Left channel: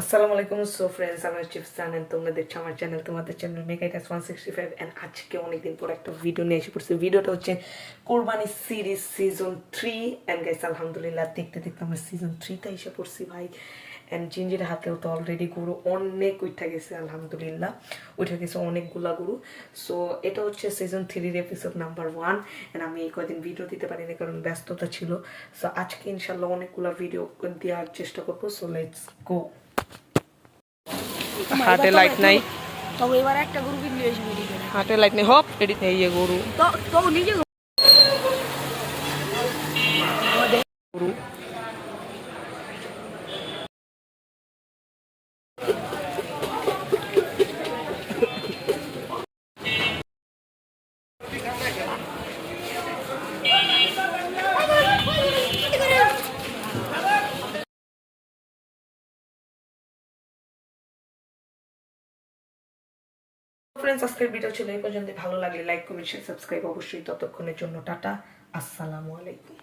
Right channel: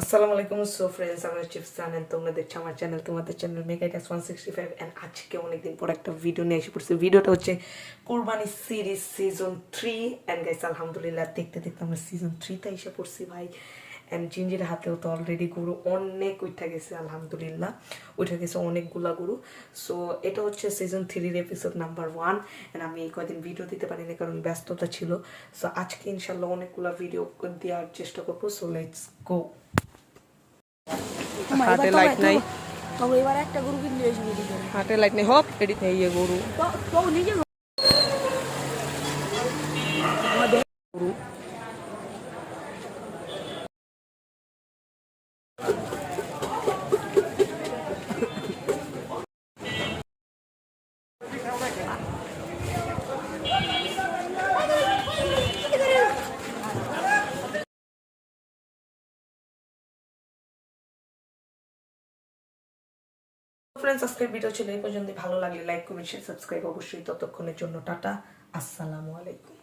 আসসালামু আলাইকুম। So friends, আমি চিপসান এন্ড তোমরা দেখছো আমার চ্যানেল, তোমাদের চ্যানেল মেকাইটাস 165 এন্ড আজকে অনেকদিন পর একটা ভিডিও নিয়ে এসে পড়ছি। ভিডিওটা হচ্ছে কোরবানি সিরিজ সিজন 3 এন্ড গাইস আলহামদুলিল্লাহ দেখতে দেখতে আমরা সিজন 3 তে এসে পড়ছি ভাই। এন্ড জিঞ্জির হাতেও তো অলরেডি গরু অনেক উঠে গেছে, আলহামদুলিল্লাহ উঠে গেছে অনেকগুলা গরু। সো এটা হচ্ছে সিজন 3 এপিসোড নাম্বার 1 এন্ড আমি এই কদিন ভিডিও দিতে পারিনি কারণ ব্যস্ততা ছিল। সো আজকে ইনশাল্লাহ অনেকগুলা ভিডিও দেওয়ার চেষ্টা করবো। So let's go. হাটে লাইট নাই, তবে এবার একটা গরু কিনলে এসে বেরিয়ে গেল। হাটে লাইট নেই, হপ এডিট নেই এই গরু তো নিজে গরু ফ্রেন্ডস, আজকের ভিডিও ছিল এই পর্যন্ত। ভালো লাগলে লাইক কমেন্ট শেয়ার সাবস্ক্রাইব অবশ্যই। ততক্ষণের জন্য টাটা, আসসালামু আলাইকুম।